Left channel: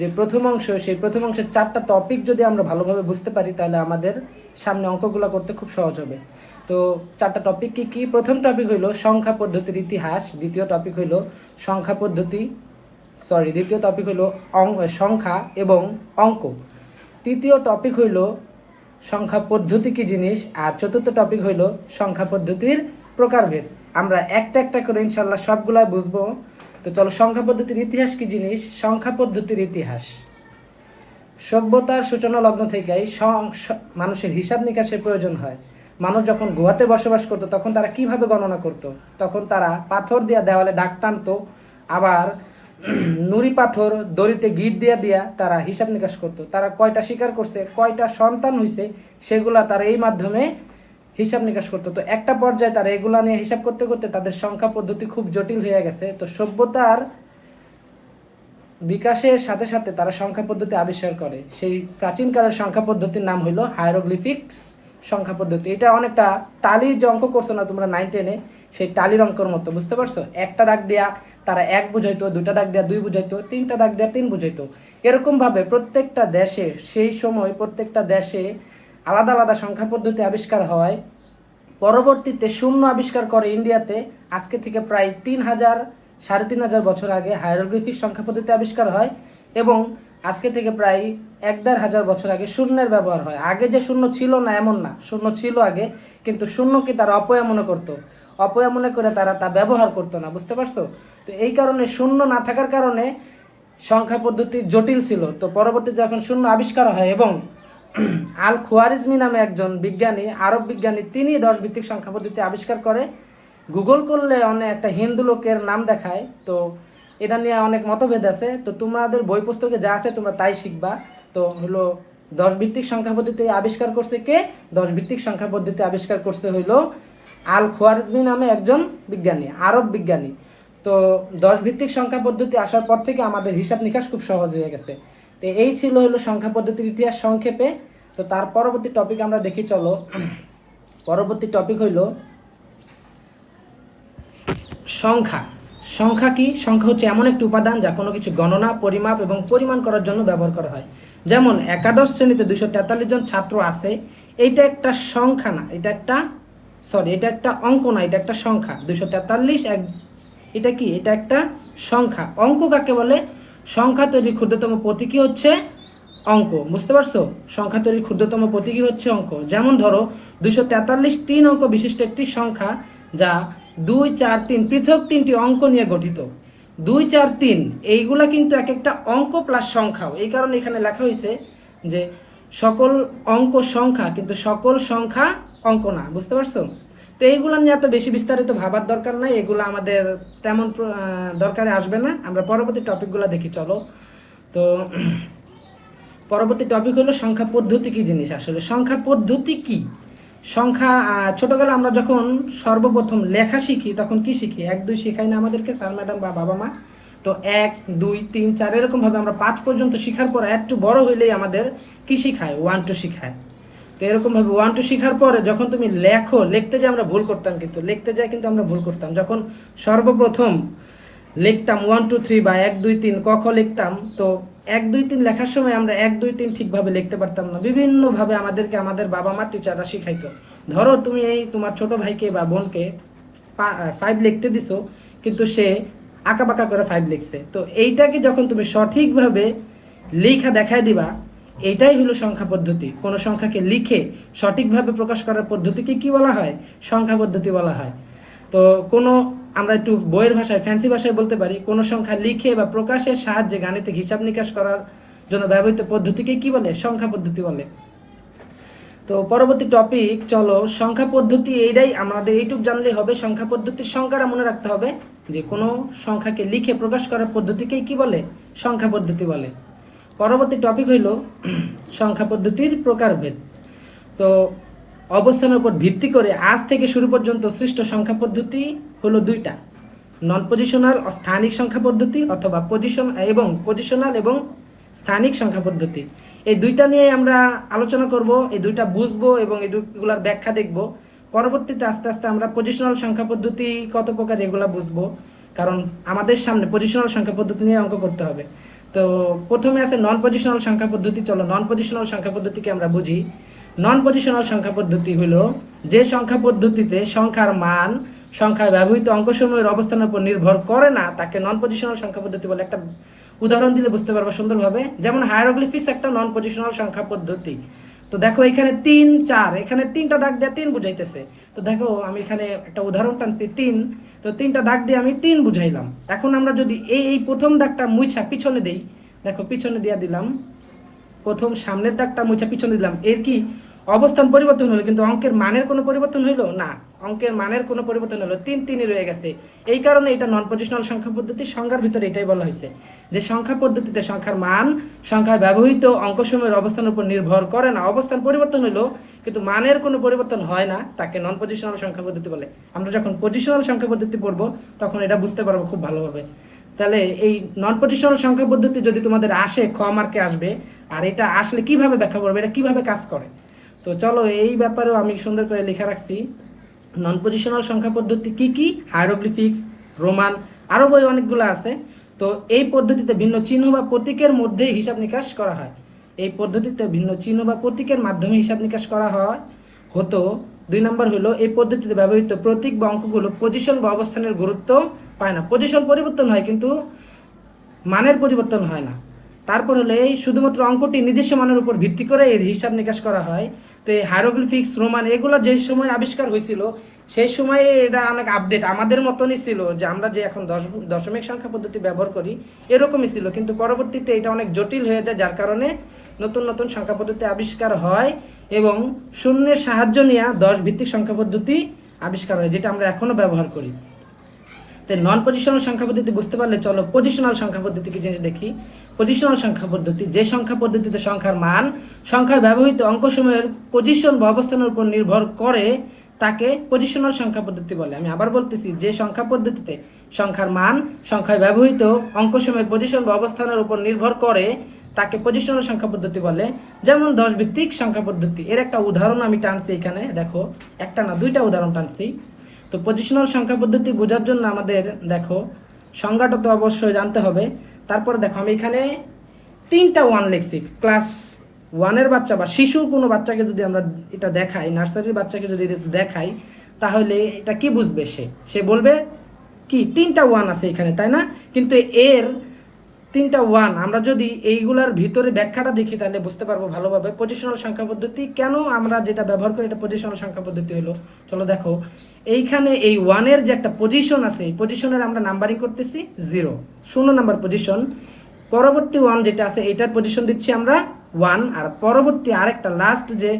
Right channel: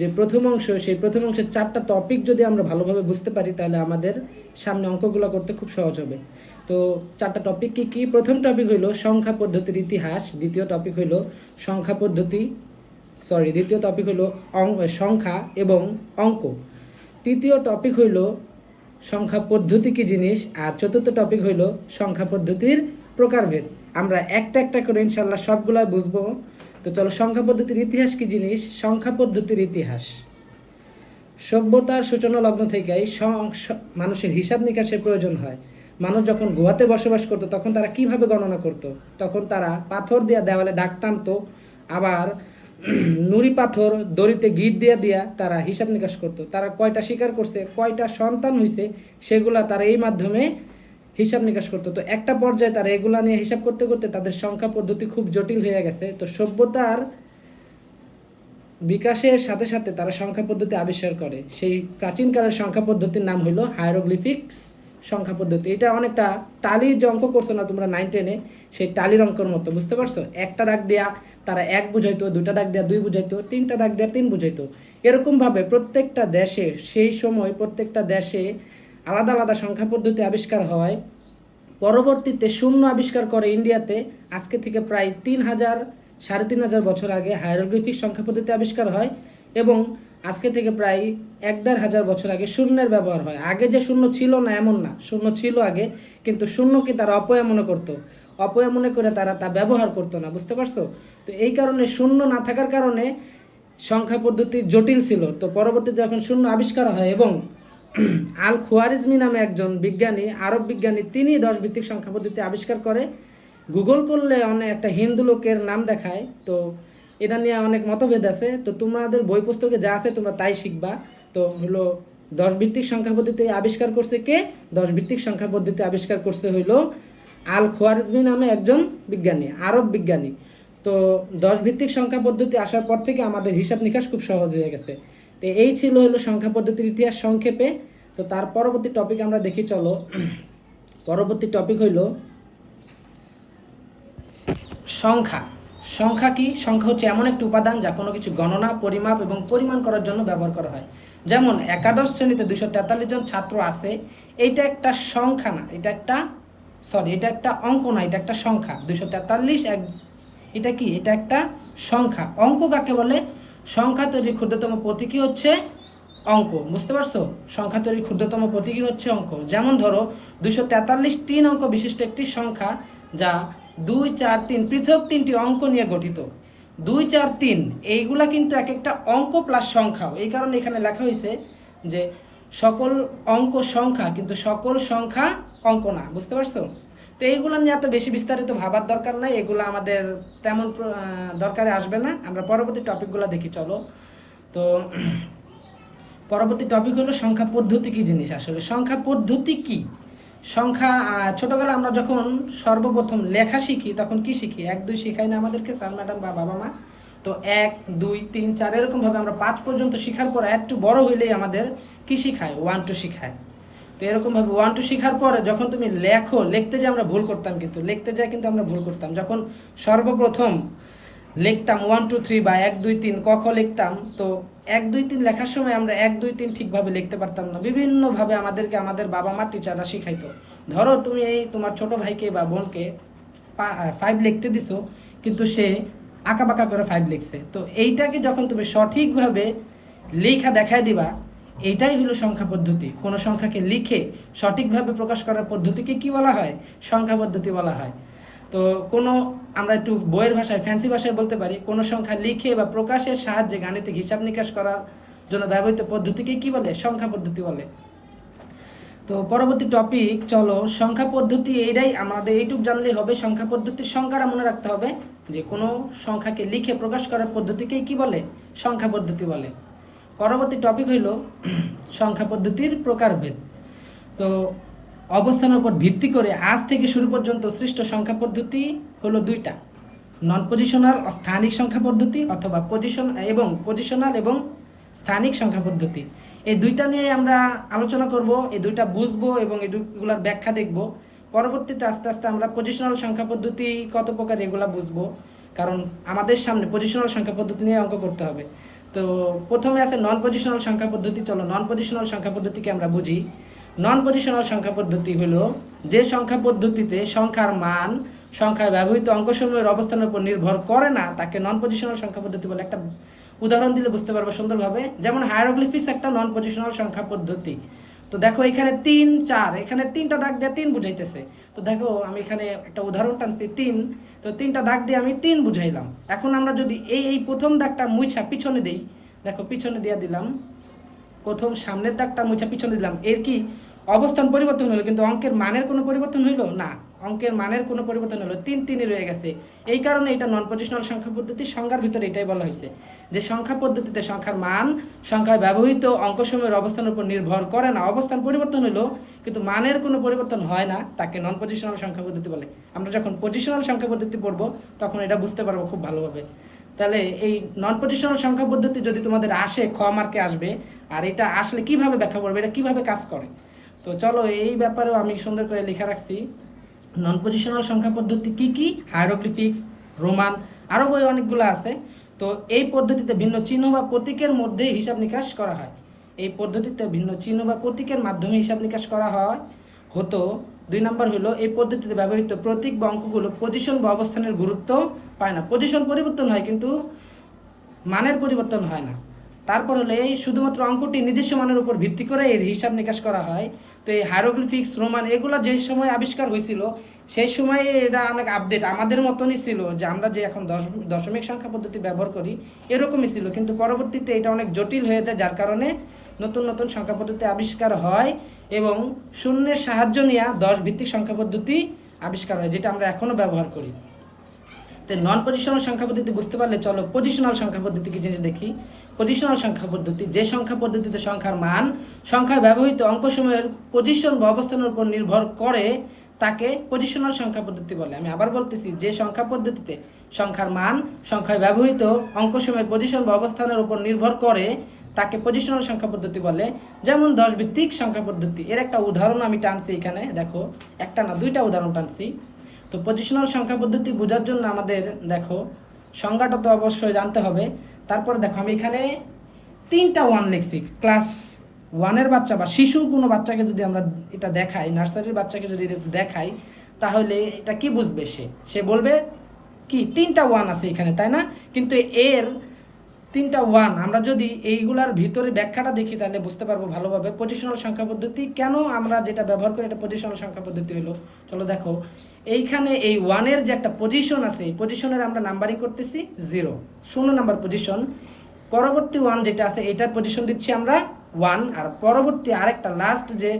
যে প্রথম অংশ, সেই প্রথম অংশের 4টা টপিক যদি আমরা ভালোভাবে বুঝতে পারি তাহলে আমাদের সামনে অঙ্কগুলো করতে খুব সহজ হবে। তো 4টা টপিক কি কি? প্রথম টপিক হইল সংখ্যা পদ্ধতির ইতিহাস, দ্বিতীয় টপিক হইল সংখ্যা পদ্ধতি দ্বিতীয় টপিক হইল সংখ্যা এবং অঙ্ক, তৃতীয় টপিক হইল সংখ্যা পদ্ধতি কি জিনিস, আর চতুর্থ টপিক হইল সংখ্যা পদ্ধতির প্রকারভেদ। আমরা একটা একটা করে ইনশাল্লাহ সবগুলা বুঝবো। তো চলো, সংখ্যা পদ্ধতির ইতিহাস কি জিনিস? সংখ্যা পদ্ধতির ইতিহাস সভ্যতার সূচনা লগ্ন থেকেই মানুষের হিসাব নিকাশের প্রয়োজন হয়। মানুষ যখন গুহাতে বসবাস করতো তখন তারা কিভাবে গণনা করত? তখন তারা পাথর দিয়া দেওয়ালে দাগ টানতো, আবার নুড়ি পাথর দড়িতে গিট দিয়া দিয়া তারা হিসাব নিকাশ করতো। তারা কয়টা শিকার করছে, কয়টা সন্তান হয়েছে, সেগুলা তারা এই মাধ্যমে হিসাব নিকাশ করতো। তো একটা পর্যায়ে তারা এগুলা নিয়ে হিসাব করতে করতে তাদের সংখ্যা পদ্ধতি খুব জটিল হয়ে গেছে। তো সভ্যতার বিকাশের সাথে সাথে তারা সংখ্যা পদ্ধতি আবিষ্কার করে। সেই প্রাচীনকালের সংখ্যা পদ্ধতির নাম হইল হায়ারোগ্লিফিক্স সংখ্যা পদ্ধতি। এটা অনেকটা টালির যে অঙ্ক করছো না তোমরা 9-10-এ, সেই টালির অঙ্কর মতো, বুঝতে পারছো? একটা দাগ দেয়া তারা 1 বুঝাইতো, 2টা দাগ দেয়া 2 বুঝাইতো, 3টা দাগ দেয়া 3 বুঝাইতো। এরকমভাবে প্রত্যেকটা দেশে, সেই সময় প্রত্যেকটা দেশে আলাদা আলাদা সংখ্যা পদ্ধতি আবিষ্কার হয়। পরবর্তীতে শূন্য আবিষ্কার করে ইন্ডিয়াতে। আজকে থেকে প্রায় 3,000-3,500 বছর আগে হায়ারোগ্লিফিক সংখ্যা পদ্ধতি আবিষ্কার হয়, এবং আজকে থেকে প্রায় 1,500 বছর আগে শূন্যের ব্যবহার হয়। আগে যে শূন্য ছিল না এমন না, শূন্য ছিল আগে, কিন্তু শূন্যকে তারা অপয়া মনে করতো, অপয়া মনে করে তারা তা ব্যবহার করতো না, বুঝতে পারছো? তো এই কারণে শূন্য না থাকার কারণে সংখ্যা পদ্ধতি জটিল ছিল। তো পরবর্তীতে যখন শূন্য আবিষ্কার হয় এবং আল খোয়ারিজমি নামে একজন বিজ্ঞানী, আরব বিজ্ঞানী, তিনি 10 ভিত্তিক সংখ্যা পদ্ধতি আবিষ্কার করে। গুগল করলে অনেক একটা হিন্দু লোকের নাম দেখায়। তো এটা নিয়ে অনেক মতভেদ আছে। তো তোমাদের বই পুস্তকে যা আছে তোমরা তাই শিখবা। তো হলো 10 ভিত্তিক সংখ্যা পদ্ধতি আবিষ্কার করছে কে? 10 ভিত্তিক সংখ্যা পদ্ধতি আবিষ্কার করছে হইলো আল খোয়ারিজমি নামে একজন বিজ্ঞানী, আরব বিজ্ঞানী। তো 10 ভিত্তিক সংখ্যা পদ্ধতি আসার পর থেকে আমাদের হিসাব নিকাশ খুব সহজ হয়ে গেছে। তো এই ছিল হলো সংখ্যা পদ্ধতির ইতিহাস সংক্ষেপে। তো তার পরবর্তী টপিক আমরা দেখি, চলো। পরবর্তী টপিক হইল সংখ্যা। সংখ্যা কি? সংখ্যা হচ্ছে এমন একটি উপাদান যা কোনো কিছু গণনা, পরিমাপ এবং পরিমাণ করার জন্য ব্যবহার করা হয়। যেমন একাদশ শ্রেণীতে 243 জন ছাত্র আছে, এইটা একটা সংখ্যা না, এটা একটা অঙ্ক না, এটা একটা সংখ্যা। 243 এটা কি? এটা একটা সংখ্যা। অঙ্ক কাকে বলে? সংখ্যা তৈরির ক্ষুদ্রতম প্রতীকী হচ্ছে অঙ্ক, বুঝতে পারছো? সংখ্যা তৈরির ক্ষুদ্রতম প্রতীকী হচ্ছে অঙ্ক। যেমন ধরো 243 3 অঙ্ক বিশিষ্ট একটি সংখ্যা, যা 2, 4, 3 পৃথক 3টি অঙ্ক নিয়ে গঠিত। 2, 4, 3 এইগুলা কিন্তু এক একটা অঙ্ক প্লাস সংখ্যাও। এই কারণে এখানে লেখা হয়েছে যে সকল অঙ্ক সংখ্যা, কিন্তু সকল সংখ্যা অঙ্ক না, বুঝতে পারছো? তো এইগুলো নিয়ে এত বেশি বিস্তারিত ভাবার দরকার নাই, এগুলো আমাদের তেমন দরকারে আসবে না। আমরা পরবর্তী টপিকগুলো দেখি, চলো। তো পরবর্তী টপিক হলো সংখ্যা পদ্ধতি কি জিনিস। আসলে সংখ্যা পদ্ধতি কি? সংখ্যা ছোটবেলা আমরা যখন সর্বপ্রথম লেখা শিখি তখন কি শিখি? 1, 2 শিখাই না আমাদেরকে স্যার ম্যাডাম বা বাবা মা? তো 1, 2, 3, 4 এরকমভাবে আমরা 5 পর্যন্ত শিখার পর একটু বড় হইলেই আমাদের কি শিখায়? 1, 2 শিখায়। তো এরকমভাবে 1, 2 শিখার পরে যখন তুমি লিখতে যে আমরা ভুল করতাম, কিন্তু লিখতে যাই কিন্তু আমরা ভুল করতাম। যখন সর্বপ্রথম লিখতাম 1, 2, 3 বা 1, 2, 3 ক খ লিখতাম, তো 1, 2, 3 লেখার সময় আমরা 1, 2, 3 ঠিকভাবে লিখতে পারতাম না। বিভিন্নভাবে আমাদেরকে আমাদের বাবা মা টিচাররা শিখাইতো। ধরো তুমি এই তোমার ছোট ভাইকে বা বোনকে 5 লিখতে দিছো, কিন্তু সে আঁকাবাঁকা করে 5 লিখছে। তো এইটাকে যখন তুমি সঠিকভাবে লিখা দেখায় দিবা, এইটাই হলো সংখ্যা পদ্ধতি। কোনো সংখ্যাকে লিখে সঠিকভাবে প্রকাশ করার পদ্ধতিকে কি বলা হয়? সংখ্যা পদ্ধতি বলা হয়। তো কোনো আমরা একটু বইয়ের ভাষায়, ফ্যান্সি ভাষায় বলতে পারি, কোনো সংখ্যা লিখে বা প্রকাশের সাহায্যে গাণিতিক হিসাব নিকাশ করার জন্য ব্যবহৃত পদ্ধতিকে কি বলে? সংখ্যা পদ্ধতি বলে। তো পরবর্তী টপিক, চলো। সংখ্যা পদ্ধতি এইটাই, আমাদের এইটুক জানলেই হবে। সংখ্যা পদ্ধতির সংখ্যাটা মনে রাখতে হবে যে কোনো সংখ্যাকে লিখে প্রকাশ করার পদ্ধতিকেই কি বলে? সংখ্যা পদ্ধতি বলে। পরবর্তী টপিক হইল সংখ্যা পদ্ধতির প্রকারভেদ। তো অবস্থানের উপর ভিত্তি করে আজ থেকে শুরু পর্যন্ত সৃষ্ট সংখ্যা পদ্ধতি হলো 2টা: নন পজিশনাল ও স্থানিক সংখ্যা পদ্ধতি, অথবা পজিশনাল এবং স্থানিক সংখ্যা পদ্ধতি। এই 2টা নিয়ে আমরা আলোচনা করব, এই 2টা বুঝবো এবং এই দুইগুলার ব্যাখ্যা দেখব। পরবর্তীতে আস্তে আস্তে আমরা পজিশনাল সংখ্যা পদ্ধতি কত প্রকার এগুলা বুঝবো, কারণ আমাদের সামনে পজিশনাল সংখ্যা পদ্ধতি নিয়ে অঙ্ক করতে হবে। তো প্রথমে আছে নন পজিশনাল সংখ্যা পদ্ধতি। চলো নন পজিশনাল সংখ্যা পদ্ধতিকে আমরা বুঝি। নন পজিশনাল সংখ্যা পদ্ধতি হলো যে সংখ্যা পদ্ধতিতে সংখ্যার মান সংখ্যায় ব্যবহৃত অঙ্কসমূহের অবস্থানের উপর নির্ভর করে না, তাকে নন পজিশনাল সংখ্যা পদ্ধতি বলে। একটা উদাহরণ দিলে বুঝতে পারবো সুন্দরভাবে। যেমন হায়ারোগ্লিফিক্স একটা নন পজিশনাল সংখ্যা পদ্ধতি। তো দেখো এখানে 3 4, এখানে 3টা দাগ দিয়ে 3 বুঝাইতেছে। তো দেখো আমি এখানে একটা উদাহরণ টানছি 3, তো 3টা দাগ দিয়ে আমি 3 বুঝাইলাম। এখন আমরা যদি এই প্রথম দাগটা মুছা পিছনে দেই, দেখো পিছনে দিয়ে দিলাম, প্রথম সামনের দাগটা মুছা পিছনে দিলাম, এর কি অবস্থান পরিবর্তন হলো, কিন্তু অঙ্কের মানের কোনো পরিবর্তন হইলো না। অঙ্কের মানের কোনো পরিবর্তন হলো 3 3ই রয়ে গেছে। এই কারণে এটা নন পজিশনাল সংখ্যা পদ্ধতির সংজ্ঞার ভিতরে এটাই বলা হয়েছে যে সংখ্যা পদ্ধতিতে সংখ্যার মান সংখ্যায় ব্যবহৃত অঙ্কসমূহের অবস্থানের উপর নির্ভর করে না, অবস্থান পরিবর্তন হলো কিন্তু মানের কোনো পরিবর্তন হয় না, তাকে নন পজিশনাল সংখ্যা পদ্ধতি বলে। আমরা যখন পজিশনাল সংখ্যা পদ্ধতি পড়বো তখন এটা বুঝতে পারবো খুব ভালোভাবে। তাহলে এই নন পজিশনাল সংখ্যা পদ্ধতি যদি তোমাদের আসে, খ মার্কে আসবে। আর এটা আসলে কিভাবে ব্যাখ্যা করবে, এটা কিভাবে কাজ করে, তো চলো এই ব্যাপারেও আমি সুন্দর করে লেখা রাখছি। নন পজিশনাল সংখ্যা পদ্ধতি কি কি, হায়ারোগ্লিফিক্স, রোমান, আরও বই অনেকগুলো আছে। তো এই পদ্ধতিতে ভিন্ন চিহ্ন বা প্রতীকের মধ্যে হিসাব নিকাশ করা হয়। এই পদ্ধতিতে ভিন্ন চিহ্ন বা প্রতীকের মাধ্যমে হিসাব নিকাশ করা হয় হতো। 2 নম্বর হলো এই পদ্ধতিতে ব্যবহৃত প্রতীক বা অঙ্কগুলো পজিশন বা অবস্থানের গুরুত্ব পায় না। পজিশন পরিবর্তন হয় কিন্তু মানের পরিবর্তন হয় না। তারপর হলে এই শুধুমাত্র অঙ্কটি নির্দিষ্ট মানের উপর ভিত্তি করে এর হিসাব নিকাশ করা হয়। তো এই হায়ারোগ্লিফিক্স, রোমান এগুলো যেই সময় আবিষ্কার হয়েছিল সেই সময়ে এটা অনেক আপডেট আমাদের মতনই ছিল, যে আমরা যে এখন দশমিক সংখ্যা পদ্ধতি ব্যবহার করি এরকমই ছিল, কিন্তু পরবর্তীতে এটা অনেক জটিল হয়ে যায়, যার কারণে নতুন নতুন সংখ্যা পদ্ধতি আবিষ্কার হয় এবং শূন্যের সাহায্য নিয়ে 10 ভিত্তিক সংখ্যা পদ্ধতি আবিষ্কার হয়, যেটা আমরা এখনও ব্যবহার করি। তো নন পজিশনাল সংখ্যা পদ্ধতি বুঝতে পারলে চলো পজিশনাল সংখ্যা পদ্ধতি কি জিনিস দেখি। পজিশনাল সংখ্যা পদ্ধতি যে সংখ্যা পদ্ধতিতে সংখ্যার মান সংখ্যায় ব্যবহৃত অঙ্কসমূহের পজিশন বা অবস্থানের উপর নির্ভর করে তাকে পজিশনাল সংখ্যা পদ্ধতি বলে। আমি আবার বলতেছি, যে সংখ্যা পদ্ধতিতে সংখ্যার মান সংখ্যায় ব্যবহৃত অঙ্কসমূহের পজিশন বা অবস্থানের উপর নির্ভর করে তাকে পজিশনাল সংখ্যা পদ্ধতি বলে। যেমন 10 ভিত্তিক সংখ্যা পদ্ধতি, এর একটা উদাহরণ আমি টানছি এখানে, দেখো একটা না 2টা উদাহরণ টানছি। তো পজিশনাল সংখ্যা পদ্ধতি বোঝার জন্য আমাদের দেখো সংজ্ঞাটা তো অবশ্যই জানতে হবে। তারপরে দেখো আমি এখানে 3টা 1 লিখছি। ক্লাস 1-এর বাচ্চা বা শিশু কোনো বাচ্চাকে যদি আমরা এটা দেখাই, নার্সারির বাচ্চাকে যদি এটা দেখাই, তাহলে এটা কি বুঝবে? সে বলবে কি 3টা 1 আছে এখানে, তাই না? কিন্তু এর 3টা 1 আমরা যদি এইগুলার ভিতরে ব্যাখ্যাটা দেখি তাহলে বুঝতে পারবো ভালোভাবে পজিশনাল সংখ্যা পদ্ধতি কেন আমরা যেটা ব্যবহার করি এটা পজিশনাল সংখ্যা পদ্ধতি হলো। চলো দেখো এইখানে এই 1-এর যে একটা পজিশন আছে, এই পজিশনের আমরা নাম্বারিং করতেছি 0 নাম্বার পজিশন। পরবর্তী 1 যেটা আছে এটার পজিশন দিচ্ছি আমরা 1, আর পরবর্তী আরেকটা লাস্ট যে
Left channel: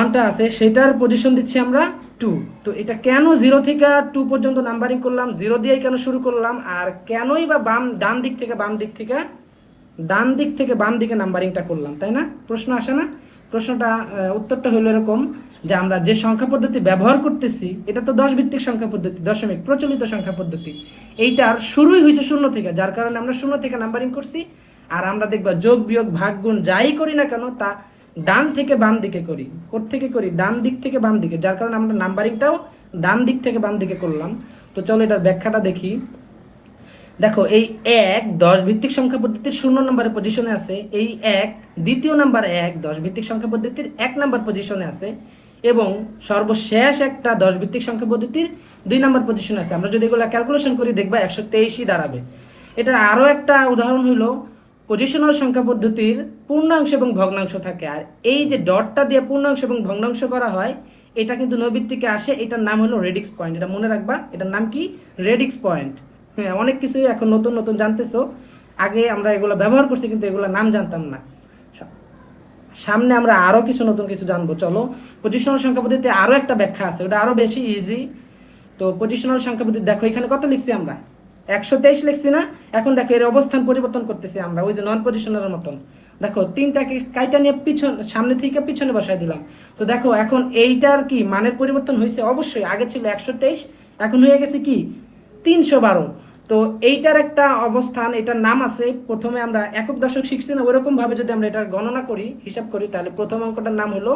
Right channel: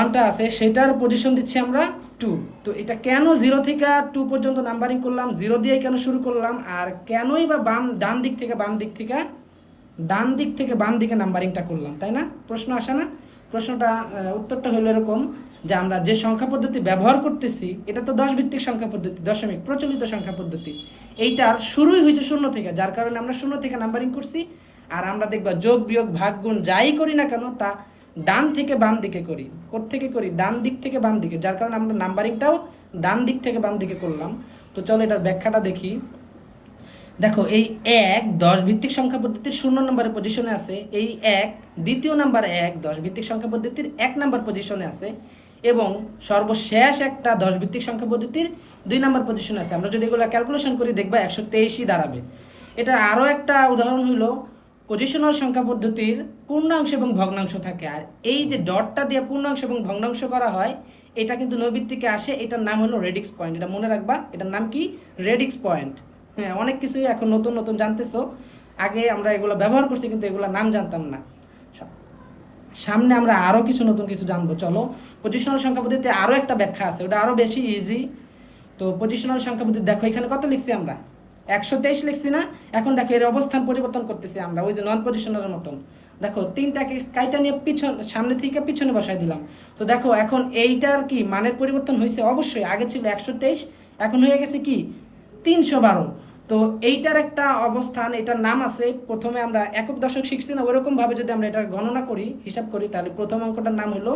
1টা আছে সেটার পজিশন দিচ্ছি আমরা 2। তো এটা কেন 0 থেকে 2 পর্যন্ত নাম্বারিং করলাম, 0 দিয়েই কেন শুরু করলাম, আর কেনই বা ডান দিক থেকে বাম দিকে নাম্বারিংটা করলাম, তাই না? প্রশ্ন আসে না? প্রশ্নটা উত্তরটা হলো এরকম যে আমরা যে সংখ্যা পদ্ধতি ব্যবহার করতেছি এটা তো 10 ভিত্তিক সংখ্যা পদ্ধতি, দশমিক প্রচলিত সংখ্যা পদ্ধতি। এইটার শুরুই হয়েছে 0 থেকে, যার কারণে আমরা 0 থেকে নাম্বারিং করছি। আর আমরা দেখবা যোগ বিয়োগ ভাগ গুণ যাই করি না কেন তা ডান থেকে বাম দিকে করি। কোত্থেকে করি? ডান দিক থেকে বাম দিকে, যার কারণে আমরা নাম্বারিংটাও ডান দিক থেকে বাম দিকে করলাম। তো চলো এটার ব্যাখ্যাটা দেখি। দেখো এই 1 10 ভিত্তিক সংখ্যা পদ্ধতির 0 নম্বরের পজিশনে আছে, এই 1 দ্বিতীয় নাম্বার 1 10 ভিত্তিক সংখ্যা পদ্ধতির 1 নম্বর পজিশনে আছে, এবং সর্বশেষ একটা 10 ভিত্তিক সংখ্যা পদ্ধতির 2 নম্বর পজিশনে আছে। আমরা যদি এগুলো ক্যালকুলেশন করি দেখবা 123ই দাঁড়াবে। এটা আরও একটা উদাহরণ হলো পজিশনাল সংখ্যা পদ্ধতির পূর্ণাংশ এবং ভগ্নাংশ থাকে, আর এই যে ডটটা দিয়ে পূর্ণাংশ এবং ভগ্নাংশ করা হয় এটা কিন্তু নৈবিত থেকে আসে, এটার নাম হলো রেডিক্স পয়েন্ট। এটা মনে রাখবা, এটার নাম কি? Radix point. হ্যাঁ, অনেক কিছুই এখন নতুন নতুন জানতেছো, আগে আমরা এগুলো ব্যবহার করছি কিন্তু এগুলো নাম জানতাম না। সামনে আমরা আরও নতুন কিছু জানবো। চলো পজিশনাল সংখ্যা পদ্ধতিতে আরও একটা ব্যাখ্যা আছে, ওটা আরও বেশি ইজি। তো পজিশনাল সংখ্যা পদ্ধতি দেখো এখানে কত লিখছি আমরা? 123 লিখছি না? এখন দেখো এর অবস্থান পরিবর্তন করতেছি আমরা ওই যে নন পজিশনালের মতন। দেখো 3টাকে কাইটা নিয়ে সামনে থেকে পিছনে বসাই দিলাম। তো দেখো এখন এইটার কি মানের পরিবর্তন হয়েছে? অবশ্যই। আগে ছিল 123, এখন হয়ে গেছে কি 312। তো এইটার একটা অবস্থান, এটার নাম আছে, প্রথমে আমরা একক দশক শিখছি না, ওরকম ভাবে যদি আমরা এটার গণনা করি, হিসাব করি, তাহলে প্রথম অঙ্কটার নাম হলো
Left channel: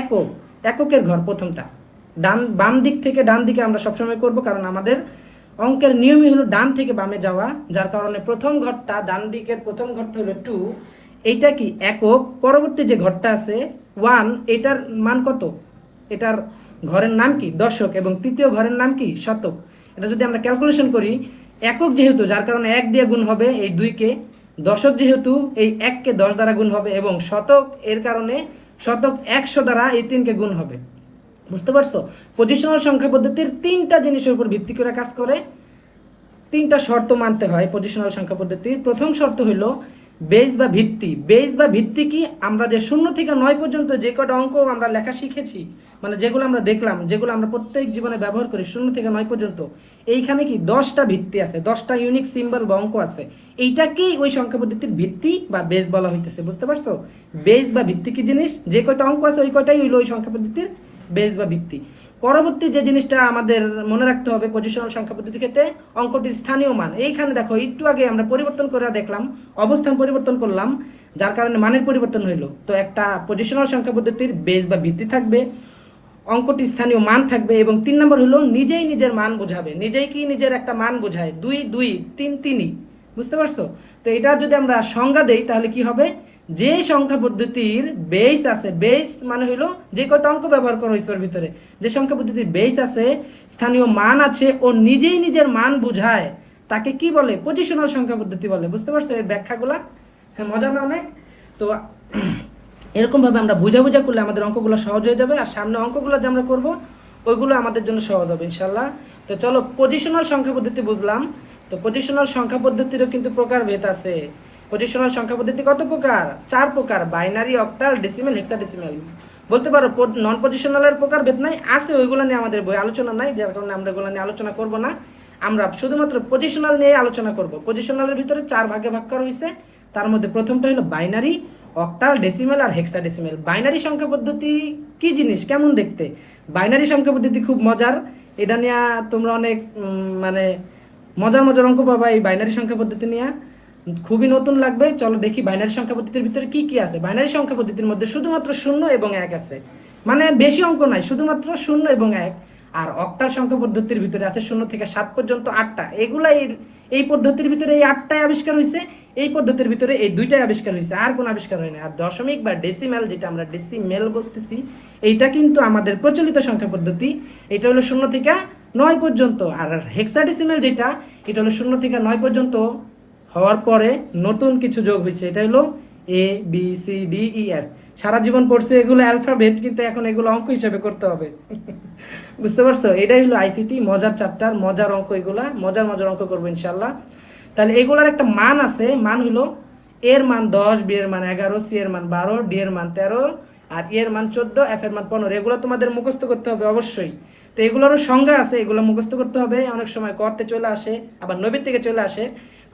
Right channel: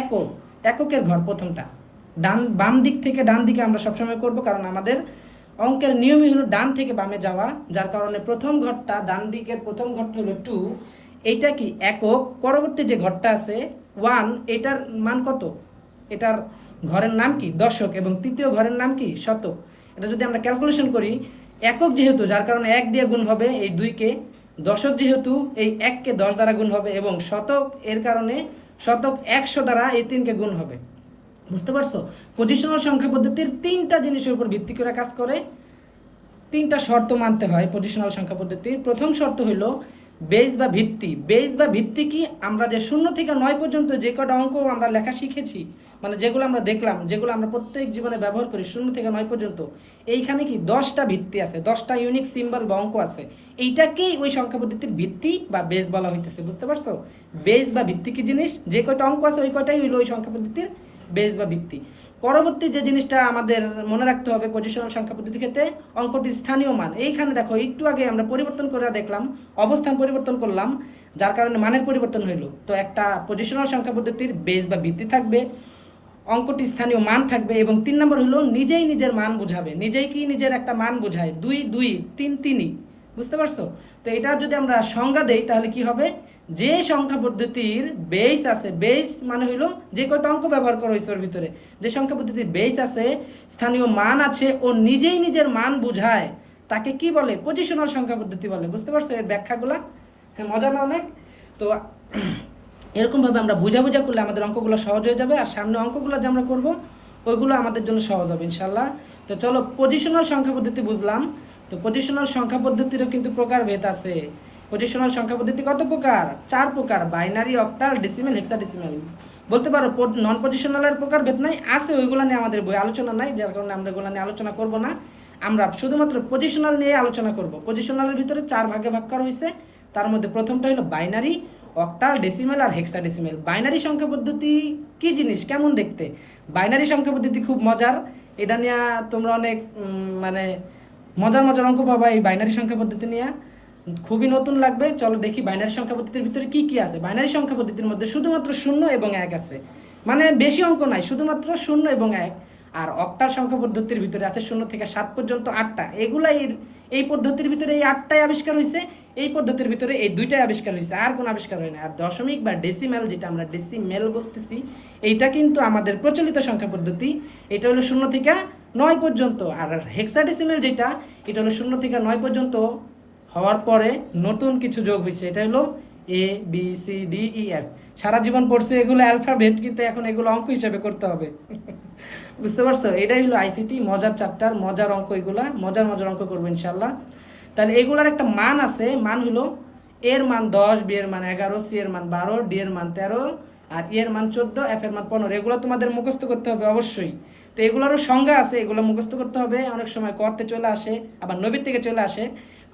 একক, এককের ঘর প্রথমটা। বাম দিক থেকে ডান দিকে আমরা সবসময় করব, কারণ আমাদের অঙ্কের নিয়মই হলো ডান থেকে বামে যাওয়া, যার কারণে প্রথম ঘরটা, ডান দিকের প্রথম ঘরটা হলো 2, এইটা কি একক। পরবর্তী যে ঘরটা আছে 1, এটার মান কত, এটার ঘরের নাম কি দশক, এবং তৃতীয় ঘরের নাম কি শতক। এটা যদি আমরা ক্যালকুলেশন করি, একক যেহেতু যার কারণে 1 দিয়ে গুণ হবে এই 2-কে, দশক যেহেতু এই 1-কে 10 দ্বারা গুণ হবে, এবং শতক এর কারণে শতক 100 দ্বারা এই 3-কে গুণ হবে। বুঝতে পারছো? পজিশনাল সংখ্যা পদ্ধতির 3টা জিনিসের উপর ভিত্তি করে কাজ করে, 3টা শর্ত মানতে হয় পজিশনাল সংখ্যা পদ্ধতির। প্রথম শর্ত হলো বেস বা ভিত্তি। বেস বা ভিত্তি কি, আমরা যে 0 থেকে 9 পর্যন্ত যে কটা অঙ্ক আমরা লেখা শিখেছি, মানে যেগুলো আমরা দেখলাম, যেগুলো আমরা প্রত্যেক জীবনে ব্যবহার করি 0 থেকে 9 পর্যন্ত, এইখানে কি 10টা ভিত্তি আছে, 10টা ইউনিক সিম্বল বা অঙ্ক আছে। এইটাকেই ওই সংখ্যা পদ্ধতির ভিত্তি বা বেস বলা হইতেছে। বুঝতে পারছো? বেস বা ভিত্তি কি জিনিস, যে কয়টা অঙ্ক আছে ওই কয়টাই হইলো ওই সংখ্যা পদ্ধতির বেস বা ভিত্তি। পরবর্তী যে জিনিসটা আমাদের মনে রাখতে হবে পজিশনাল সংখ্যা পদ্ধতির ক্ষেত্রে, অঙ্কটির স্থানীয় মান। এইখানে দেখো একটু আগে আমরা পরিবর্তন করে দেখলাম, অবস্থান পরিবর্তন করলাম, যার কারণে মানের পরিবর্তন হইলো। তো একটা পজিশনাল সংখ্যা পদ্ধতির বেস বা ভিত্তি থাকবে, অঙ্কটি স্থানীয় মান থাকবে, এবং 3 নম্বর হলো নিজেই নিজের মান বোঝাবে। নিজেই কি নিজের একটা মান বোঝায়, 2 2 3 3। বুঝতে পারছো? তো এটার যদি আমরা সংজ্ঞা দেই তাহলে কি হবে, যে সংখ্যা পদ্ধতির বেস আছে, বেস মানে হইলো যে কয়টা অঙ্ক ব্যবহার করা হয়েছে ওর ভিতরে, যে সংখ্যা পদ্ধতির বেস আছে, স্থানীয় মান আছে, ও নিজেই নিজের মান বোঝায়, তাকে কি বলে, পজিশনাল সংখ্যা পদ্ধতি বলে। বুঝতে পারছো এর ব্যাখ্যাগুলা? হ্যাঁ, মজা না অনেক? তো এরকমভাবে আমরা বোঝা করলে আমাদের অঙ্কগুলো সহজ হয়ে যাবে, আর সামনে অঙ্কগুলো যে আমরা করবো ওইগুলো আমাদের জন্য সহজ হবে ইনশাল্লাহ। তো চলো, পজিশনাল সংখ্যা পদ্ধতি বুঝলাম। তো পজিশনাল সংখ্যা পদ্ধতিরও কিন্তু প্রকারভেদ আছে। পজিশনাল সংখ্যা পদ্ধতি কত প্রকার? 4 প্রকার: বাইনারি, অক্টাল, ডেসিমেল, হেক্সাডেসিমেল। বলতে পারো নন পজিশনালের প্রকারভেদ নাই, আছে, ওইগুলো নিয়ে আমাদের বই আলোচনা নাই, যার কারণে আমরা ওইগুলো নিয়ে আলোচনা করব না। আমরা শুধুমাত্র পজিশনাল নিয়ে আলোচনা করব। পজিশনালের ভিতরে 4 ভাগে ভাগ করা হয়েছে, তার মধ্যে প্রথমটা হলো বাইনারি, অক্টাল, ডেসিমেল আর হেক্সাডেসিমেল। বাইনারি সংখ্যা পদ্ধতি কি জিনিস, কেমন দেখতে? বাইনারি সংখ্যা পদ্ধতি খুব মজার, এটা নিয়ে তোমরা অনেক মানে মজার মজার অঙ্ক পাবা এই বাইনারি সংখ্যা পদ্ধতি নিয়ে, খুবই নতুন লাগবে। চলো দেখি বাইনারি সংখ্যা পদ্ধতির ভিতরে কি কি আছে। বাইনারি সংখ্যা পদ্ধতির মধ্যে শুধুমাত্র 0 এবং 1 আছে, মানে বেশি অঙ্ক নাই, শুধুমাত্র 0 এবং 1। আর অক্টাল সংখ্যা পদ্ধতির ভিতরে আছে 0 থেকে 7 পর্যন্ত 8টা। এগুলাই এই পদ্ধতির ভিতরে এই 8টাই আবিষ্কার হয়েছে, এই পদ্ধতির ভিতরে এই 2টাই আবিষ্কার হয়েছে, আর কোনো আবিষ্কার হয় না। আর দশমিক বা ডেসিমেল, যেটা আমরা ডেসিমেল বলতেছি, এইটা কিন্তু আমাদের প্রচলিত সংখ্যা পদ্ধতি। এটা হলো 0 থেকে 9 পর্যন্ত। আর হেক্সাডেসিমেল যেটা, এটা হলো 0 থেকে 9 পর্যন্ত হওয়ার পরে নতুন কিছু যোগ হয়েছে, এটা হলো ABCDEF। সারা জীবন পড়ছে এগুলো অ্যালফাবেট, কিন্তু এখন এগুলো অঙ্ক হিসেবে করতে হবে। বুঝতে পারছো? এটাই হলো আইসিটি, মজার চ্যাপ্টার, মজার অঙ্ক, এগুলা মজার মজার অঙ্ক করবো ইনশাল্লাহ। তাহলে এগুলার একটা মান আছে, মান হলো এর মান 10, বি এর মান 11, সি এর মান 12, ডি এর মান 13, আর ই এর মান 14, এফ এর মান 15। এগুলো তোমাদের মুখস্থ করতে হবে অবশ্যই। তো এগুলোরও সংজ্ঞা আছে, এগুলো মুখস্থ করতে হবে। অনেক সময় করতে চলে আসে, আবার নবীর থেকে চলে আসে।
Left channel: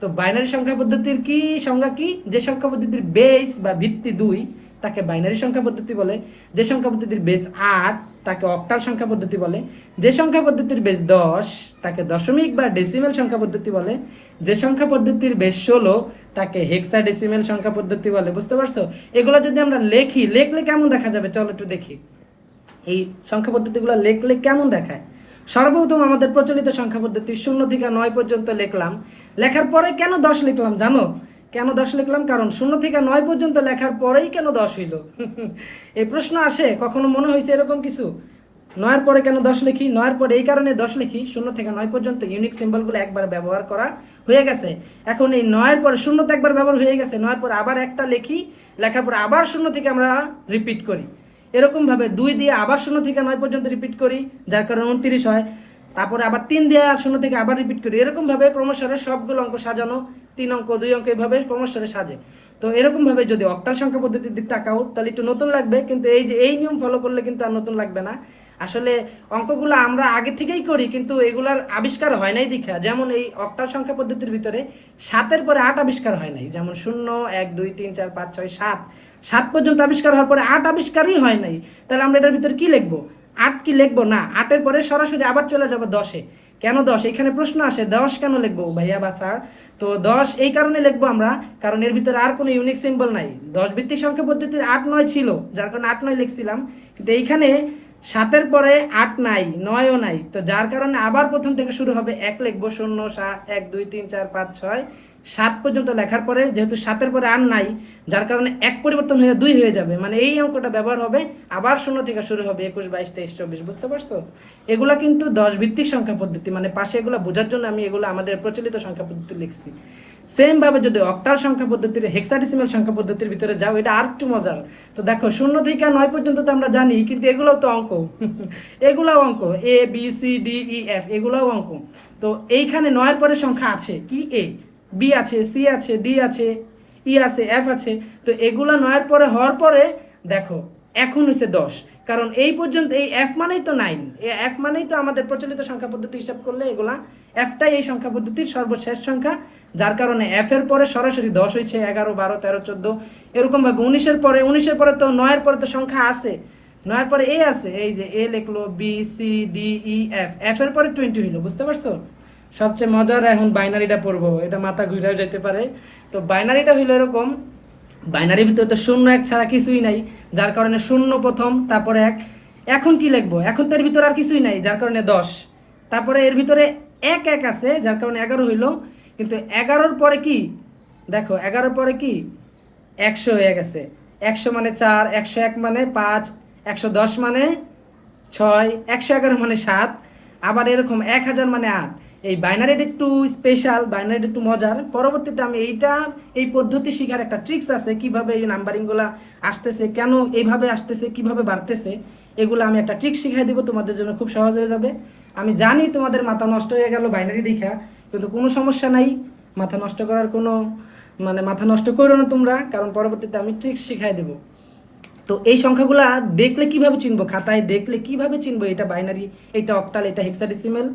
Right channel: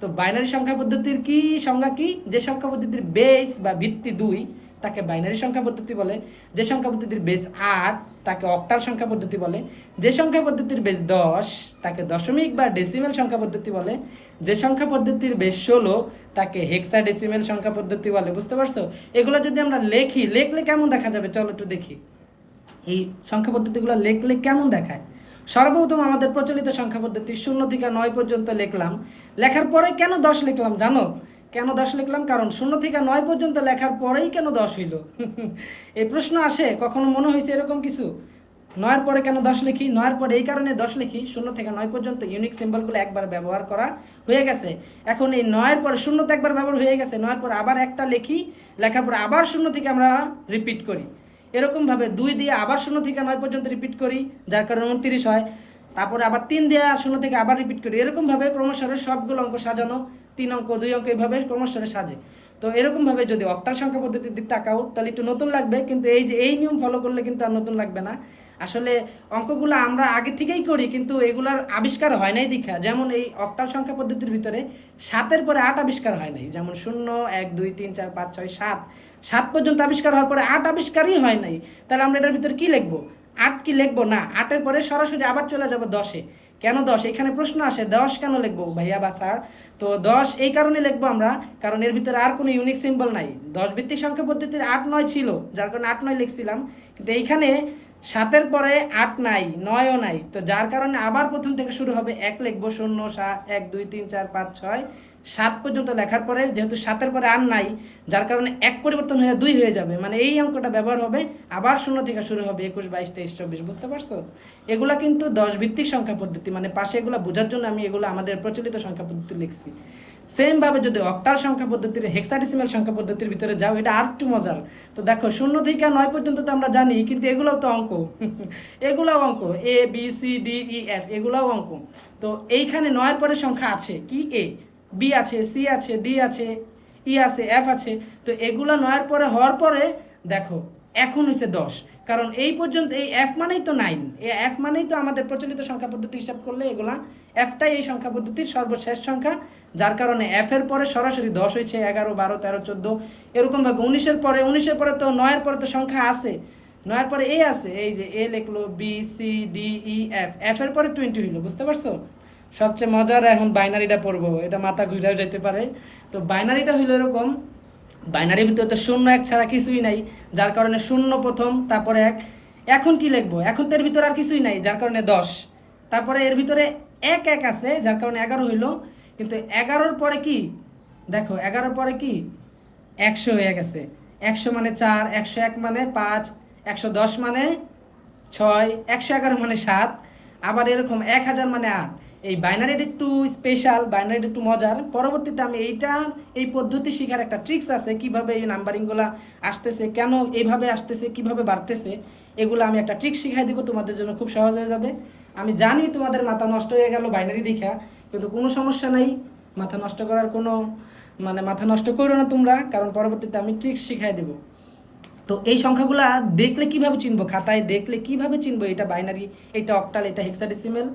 তো বাইনারি সংখ্যা পদ্ধতির কি সংজ্ঞা কি? যে সংখ্যা পদ্ধতির বেস বা ভিত্তি 2 তাকে বাইনারি সংখ্যা পদ্ধতি বলে। যে সংখ্যা পদ্ধতির বেস 8 তাকে অক্টাল সংখ্যা পদ্ধতি বলে। যে সংখ্যা পদ্ধতির বেস 10 তাকে দশমিক বা ডেসিমেল সংখ্যা পদ্ধতি বলে। যে সংখ্যা পদ্ধতির বেস 16 তাকে হেক্সাডেসিমেল সংখ্যা পদ্ধতি বলে। বুঝতে পারছো? এগুলো যদি আমরা লেখলে কেমন দেখা যাবে, চলো একটু দেখি এই সংখ্যা পদ্ধতিগুলো লেখলে কেমন দেখায়। সর্বপ্রথম আমাদের প্রচলিত সংখ্যা পদ্ধতি 0 থেকে 9 পর্যন্ত লিখলাম। লেখার পরে কেন 10 লিখলাম জানো? কেন 10 লিখলাম? কারণ 0 থেকে 9 পর্যন্ত লেখার পরেই কেন 10 হইল? এই প্রশ্ন আসে, কখনো মনে হয়েছে এরকম কিছু? 9-এর পরে কেন 10 লিখি? 9-এর পরে এই কারণে 10 লিখি, 0 থেকে 9 পর্যন্ত ইউনিক সিম্বলগুলো একবার ব্যবহার করা হয়ে গেছে। এখন এই 9-এর পরে 0 তো একবার ব্যবহার হয়ে গেছে, 9-এর পরে আবার একটা লিখি, লেখার পরে আবার 0 থেকে আমরা রিপিট করি। এরকমভাবে 2 দিয়ে আবার 0 থেকে 9 পর্যন্ত রিপিট করি, যার কারণে 29 হয়। তারপরে আবার 3 দিয়ে 0 থেকে আবার রিপিট করি। এরকমভাবে ক্রমশরে সবগুলো অঙ্ক সাজানো, 3 অঙ্ক 2 অঙ্ক এইভাবে ক্রমশরে সাজে। তো এরকমভাবে যদি অক্টাল সংখ্যা পদ্ধতির দিক তাকাও তাহলে একটু নতুন লাগবে, কিন্তু এই যে এই নিয়ম ফলো করলে কিন্তু আর নতুন লাগবে না। আসলে অঙ্কগুলো আমরা আগে থেকেই করি, কিন্তু এগুলার আবিষ্কার হয় নাই দীক্ষা। যেমন এই অক্টাল সংখ্যা পদ্ধতির ভিতরে 7-এর পরে 8 আবিষ্কার হয় নাই। যেমন 0 1 2 3 4 5 6 7 পর্যন্ত আবিষ্কার হওয়ার পরে 8 আবিষ্কারই হয় নাই। তাহলে আমরা এটার ভিতরে কি লিখবো? 8 কি লিখবো না, 8-এর পরে সরাসরি আবার চলে যাবো 10-এ। কেন 10? এখানে প্রশ্ন আসে 10 কেন লিখবো ভাইয়া বা স্যার? তো 10 এই কারণে লিখবো আমরা, কারণ এর ভিতরে আর কোনো ইউনিক সিম্বল নাই। 10 ভিত্তিক সংখ্যা পদ্ধতির 8 9 ছিল, যার কারণে 8 9 লিখছিলাম। কিন্তু এইখানে 7-এর পরে 8 নাই, 9ও নাই, তো যার কারণে আবার প্রথম থেকে শুরু হবে। 1 লিখবো, 0 1 2 3 4 5 6 7 পর্যন্ত লেখার পরে যেহেতু 7-এর পরে আর নাই, যার কারণে 1 পরিবর্তন হয়ে 2 হয়ে যাবে, মানে এই অঙ্কটা ব্যবহার হবে। আবার 0 থেকে শুরু হবে, 21 22 23 24, বুঝতে পারছো? এগুলা কিন্তু 10 ভিত্তিক সংখ্যা পদ্ধতি, মানে পাশে এগুলো বোঝার জন্য আমি এগুলো আমাদের প্রচলিত সংখ্যা পদ্ধতি লিখছি। সেম ভাবে যদি অক্টাল সংখ্যা পদ্ধতির, হেক্সাডেসিমাল সংখ্যা পদ্ধতির ভিতরে যাও, এটা আর একটু মজার। তো দেখো 0 থেকে 9 পর্যন্ত তো আমরা জানি, কিন্তু এগুলোও তো অঙ্ক এগুলাও অঙ্ক, A B C D E F, এগুলাও অঙ্ক। তো এইখানে 9-এর পরে সংখ্যা আছে কি, এ বি আছে, সি আছে, ডি আছে, ই আছে, এফ আছে। তো এগুলো 9-এর পরে হওয়ার পরে দেখো এখন হয়েছে 10, কারণ এই পর্যন্ত এই এফ মানেই তো 9, এই এফ মানেই তো আমাদের প্রচলিত সংখ্যা পদ্ধতি হিসাব করলে এগুলা এফটাই এই সংখ্যা পদ্ধতির সর্বশেষ সংখ্যা, যার কারণে এফ এর পরে সরাসরি 10 হয়েছে, 11 12 13 14 এরকম ভাবে। 19-এর পরে তো 9-এর পরে তো সংখ্যা আছে, 9-এর পরে এ আছে, এই যে এ লিখলো, B C D E F, F এর পরে 20 হইলো, বুঝতে পারছো? সবচেয়ে মজার এখন বাইনারিটা পড়বো, এটা মাথা ঘুরেও যেতে পারে। তো বাইনারিটা হইলো এরকম, বাইনারির ভিতরে তো 0 1 ছাড়া কিছুই নাই, যার কারণে 0 প্রথম, তারপরে 1। এখন কি লিখবো? এখন তো এর ভিতরে আর কিছুই নাই, যার কারণে 10। তারপরে এর ভিতরে 1 1 আছে, যার কারণে 11 হইলো। কিন্তু 11-র পরে কি দেখো, 11-র পরে কি 100 হয়ে গেছে। 100 মানে 4, 101 মানে 5, 110 মানে 6, 111 মানে 7, আবার এরকম 1000 মানে 8। এই বাইনারিটা একটু স্পেশাল, বাইনারিটা একটু মজার। পরবর্তীতে আমি এই পদ্ধতি শেখার একটা ট্রিক্স আছে, কিভাবে এই নাম্বারিংগুলো আসতেছে, কেন এইভাবে আসতেছে, কিভাবে বাড়তেছে, এগুলো আমি একটা ট্রিক্স শিখাই দিব, তোমাদের জন্য খুব সহজ হয়ে যাবে। আমি জানি তোমাদের মাথা নষ্ট হয়ে গেল বাইনারি দেখা, কিন্তু কোনো সমস্যা নাই, মাথা নষ্ট করার কোনো মাথা নষ্ট করো না তোমরা, কারণ পরবর্তীতে আমি ট্রিক্স শিখাই দেবো। তো এই সংখ্যাগুলা দেখলে কিভাবে চিনবো, খাতায় দেখলে কিভাবে চিনবো এটা বাইনারি, এটা অক্টাল, এটা হেক্সাডেসিমাল?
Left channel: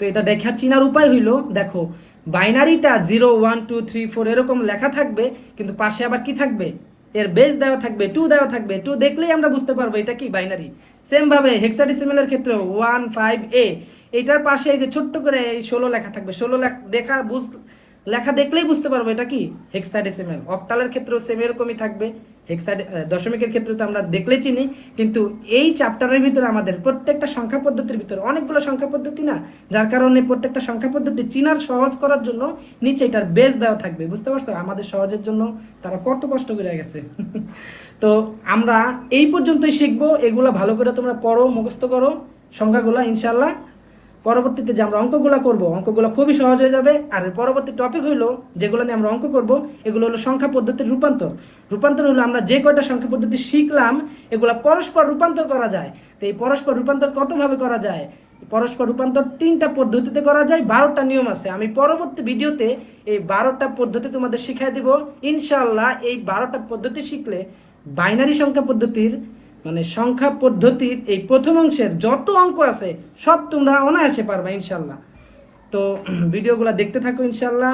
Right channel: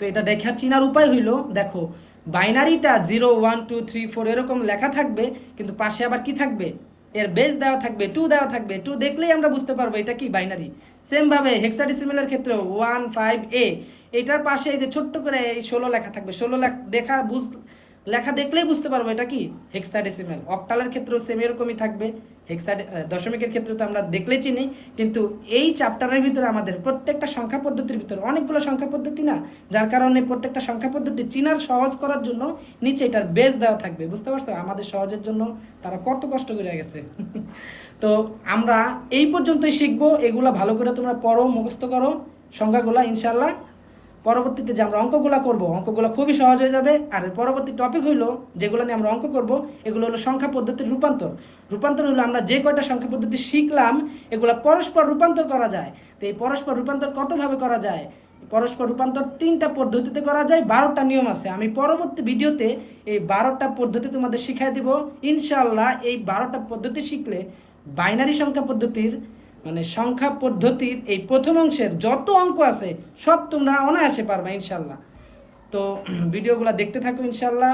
তো এটা দেখা চিনার উপায় হইলো, দেখো বাইনারিটা 0 1 2 3 4 এরকম লেখা থাকবে, কিন্তু পাশে আবার কি থাকবে, এর বেস দেওয়া থাকবে, 2 দেওয়া থাকবে। 2 দেখলেই আমরা বুঝতে পারবো এটা কি বাইনারি। সেম ভাবে হেক্সাডেসিমালের ক্ষেত্রে 1 5 এ, এইটার পাশে এই যে ছোট্ট করে এই 16 লেখা থাকবে, 16 লেখা দেখলেই বুঝতে পারবো এটা কি হেক্সাডেসিমাল। অক্টালের ক্ষেত্রেও সেম এরকমই থাকবে, দশমিকের ক্ষেত্রে তো আমরা দেখলে চিনি। কিন্তু এই চ্যাপ্টারের ভিতরে আমাদের প্রত্যেকটা সংখ্যা পদ্ধতির ভিতরে অনেকগুলো সংখ্যা পদ্ধতি না, যার কারণে প্রত্যেকটা সংখ্যা পদ্ধতি চিনার সহজ করার জন্য নিচে এটার বেস দেওয়া থাকবে, বুঝতে পারছো? আমাদের সহজের জন্য তারা কত কষ্ট করে গেছে তো আমরা এই পর্যন্তই শিখবো, এগুলো ভালো করে তোমরা পড়ো, মুখস্থ করো সংখ্যাগুলো, ইনশাল্লাহ পরবর্তীতে যে আমরা অঙ্কগুলো করব, অঙ্কগুলো খুবই সহজ হয়ে যাবে। আর পরবর্তী টপিক হইলো যেগুলো নিয়ে আমরা অঙ্ক করব, এগুলো হলো সংখ্যা পদ্ধতির রূপান্তর। রূপান্তর হলো আমরা যে কয়টা সংখ্যা পদ্ধতি শিখলাম, এগুলো পরস্পর রূপান্তর করা যায়। তো এই পরস্পর রূপান্তর কতভাবে করা যায়? পরস্পর রূপান্তর 3টা পদ্ধতিতে করা যায়, 12টা নিয়ম আছে। আমি পরবর্তী ভিডিওতে এই 12টা পদ্ধতি তোমাদের শিখাই দিব ইনশাল্লাহ। এই 12টা পদ্ধতি শিখলে বাইনারি সংখ্যা পদ্ধতির সংখ্যা পদ্ধতির এই প্রথম অংশের যত অঙ্ক আছে সব তোমরা অনায়াসে পারবা ইনশাল্লাহ। তো ভিডিওগুলো দেখতে থাকো ইনশাল্লাহ।